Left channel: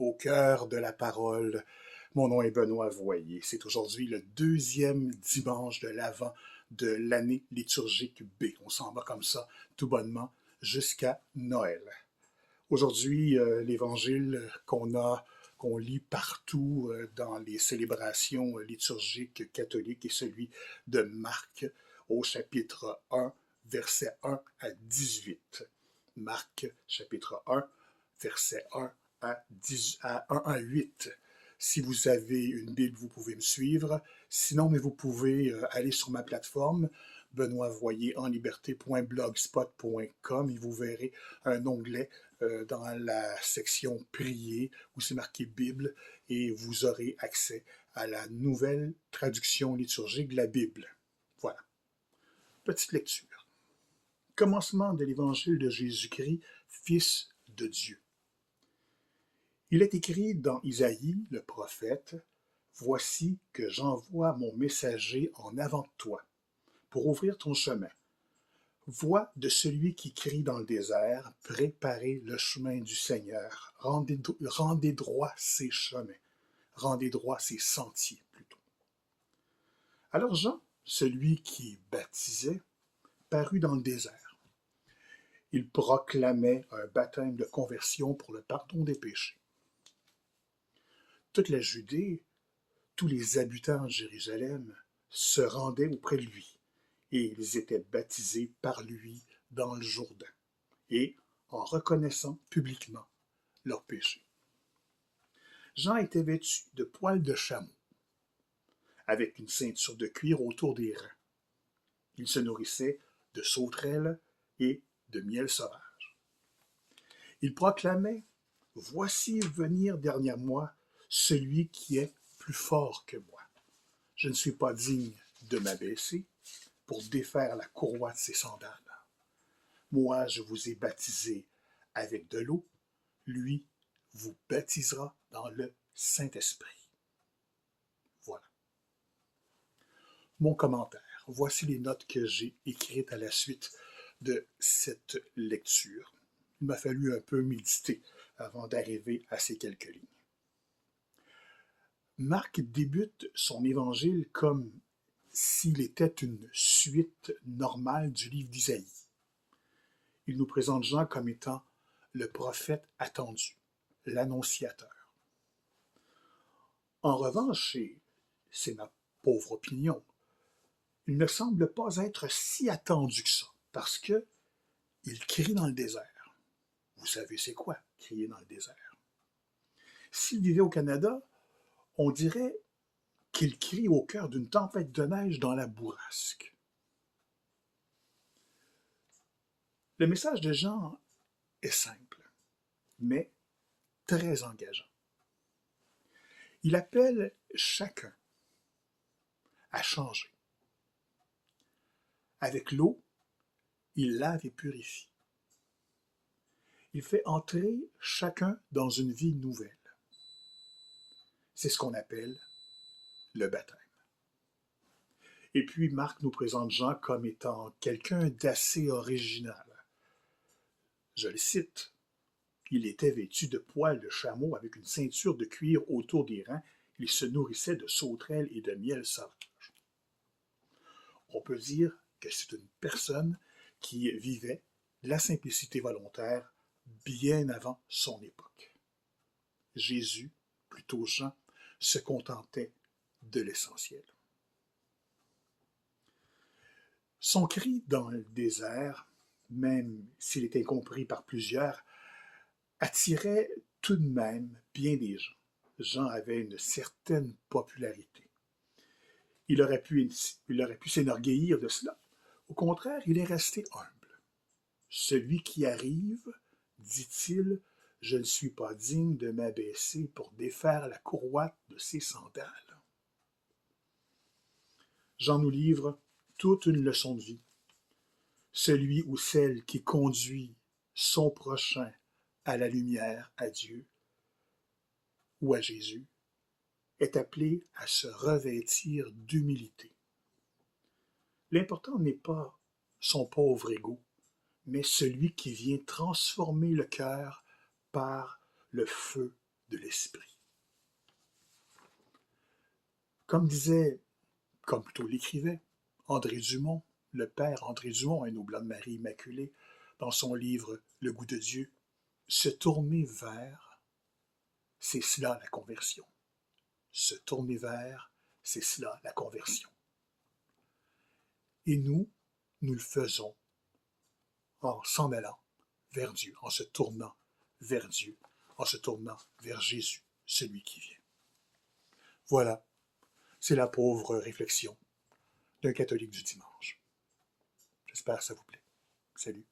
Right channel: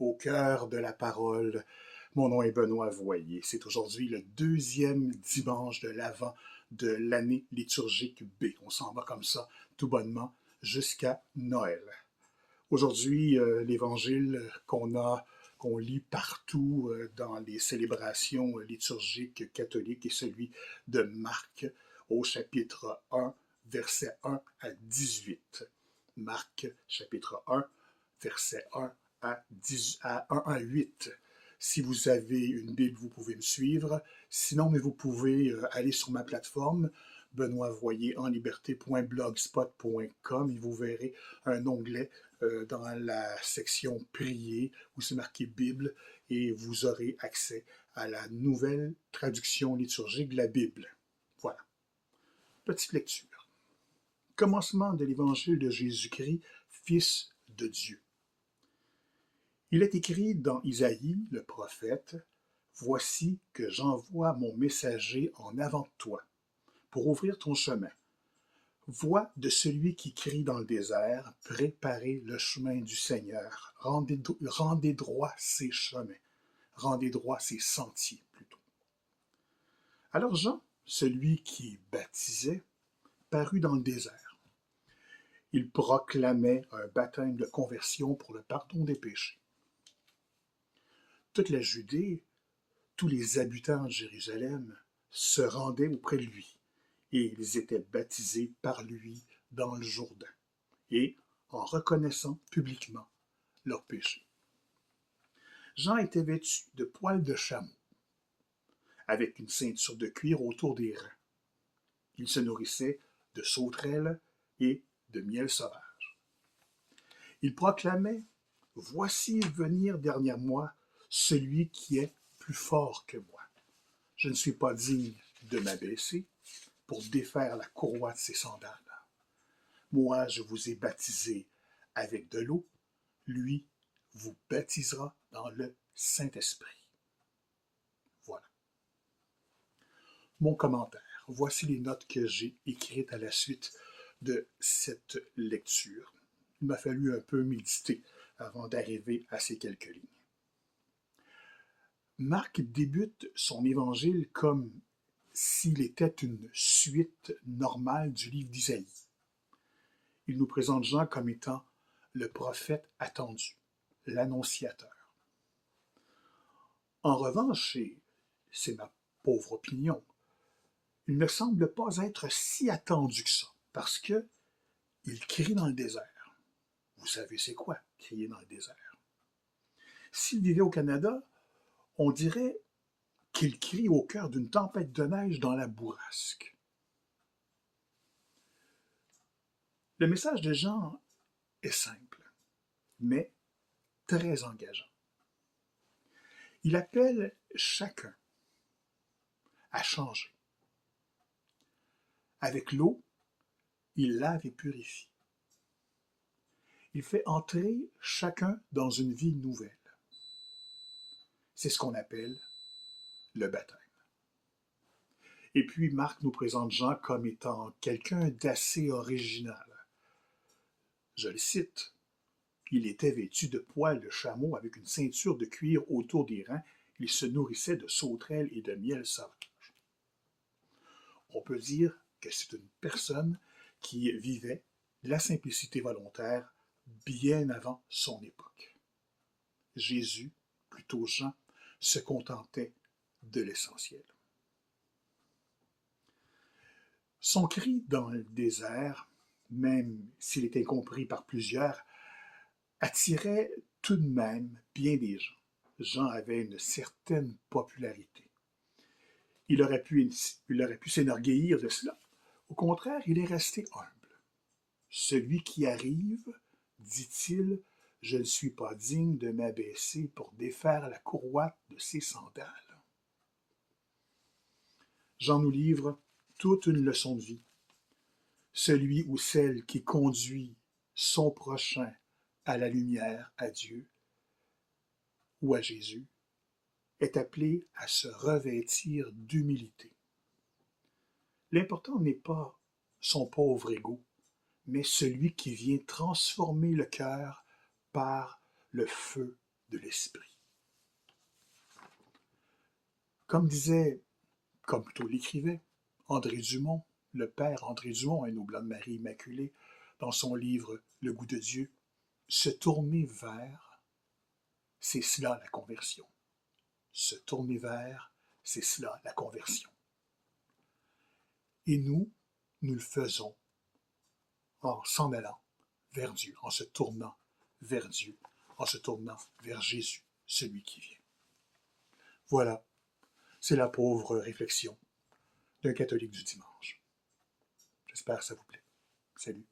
au cœur de la parole. Mon nom est Benoît Voyer. C'est aujourd'hui le deuxième dimanche de l'Avent de l'année liturgique B. On s'en va comme ça, tout bonnement, jusqu'à Noël. Aujourd'hui, l'évangile qu'on lit partout dans les célébrations liturgiques catholiques est celui de Marc au chapitre 1, versets 1 à 18. Marc, chapitre 1, verset 1 à 8. Si vous avez une Bible, vous pouvez me suivre. Sinon, mais vous pouvez aller sur ma plateforme, benoitvoyer-en-liberté.blogspot.com, et vous verrez un onglet dans la section Prier où c'est marqué Bible, et vous aurez accès à la nouvelle traduction liturgique de la Bible. Voilà. Petite lecture. Commencement de l'évangile de Jésus-Christ, Fils de Dieu. Il est écrit dans Isaïe, le prophète, « Voici que j'envoie mon messager en avant de toi, pour ouvrir ton chemin. Voix de celui qui crie dans le désert, préparez le chemin du Seigneur, rendez droit ses chemins, rendez droit ses sentiers plutôt. » Alors Jean, celui qui baptisait, parut dans le désert. Il proclamait un baptême de conversion pour le pardon des péchés. Toute la Judée, tous les habitants de Jérusalem se rendaient auprès de lui, et ils étaient baptisés par lui dans le Jourdain, et en reconnaissant publiquement leurs péchés. Jean était vêtu de poils de chameau, avec une ceinture de cuir autour des reins. Il se nourrissait de sauterelles et de miel sauvage. Il proclamait « Voici venir derrière moi celui qui est plus fort que moi. Je ne suis pas digne de m'abaisser pour défaire la courroie de ses sandales. Moi, je vous ai baptisé avec de l'eau, lui vous baptisera dans le Saint-Esprit. » Voilà. Mon commentaire. Voici les notes que j'ai écrites à la suite de cette lecture. Il m'a fallu un peu méditer avant d'arriver à ces quelques lignes. Marc débute son évangile comme s'il était une suite normale du livre d'Isaïe. Il nous présente Jean comme étant le prophète attendu, l'annonciateur. En revanche, et c'est ma pauvre opinion, il ne semble pas être si attendu que ça, parce que il crie dans le désert. Vous savez c'est quoi, crier dans le désert? S'il vivait au Canada, on dirait qu'il crie au cœur d'une tempête de neige dans la bourrasque. Le message de Jean est simple, mais très engageant. Il appelle chacun à changer. Avec l'eau, il lave et purifie. Il fait entrer chacun dans une vie nouvelle. C'est ce qu'on appelle le baptême. Et puis Marc nous présente Jean comme étant quelqu'un d'assez original. Je le cite. Il était vêtu de poils de chameau avec une ceinture de cuir autour des reins. Il se nourrissait de sauterelles et de miel sauvage. On peut dire que c'est une personne qui vivait la simplicité volontaire bien avant son époque. Jésus, plutôt Jean, se contentait de l'essentiel. Son cri dans le désert, même s'il était compris par plusieurs, attirait tout de même bien des gens. Jean avait une certaine popularité. Il aurait pu s'enorgueillir de cela. Au contraire, il est resté humble. Celui qui arrive, dit-il, je ne suis pas digne de m'abaisser pour défaire la courroie de ses sandales. Jean nous livre toute une leçon de vie. Celui ou celle qui conduit son prochain à la lumière, à Dieu ou à Jésus, est appelé à se revêtir d'humilité. L'important n'est pas son pauvre ego, mais celui qui vient transformer le cœur par le feu de l'Esprit. Comme disait, comme plutôt l'écrivait, André Dumont, le père André Dumont, un Oblat de Marie Immaculée, dans son livre Le goût de Dieu, se tourner vers, c'est cela la conversion. Se tourner vers, c'est cela la conversion. Et nous le faisons en s'en allant vers Dieu, en se tournant vers Dieu, en se tournant vers Jésus, celui qui vient. Voilà, c'est la pauvre réflexion d'un catholique du dimanche. J'espère que ça vous plaît. Salut.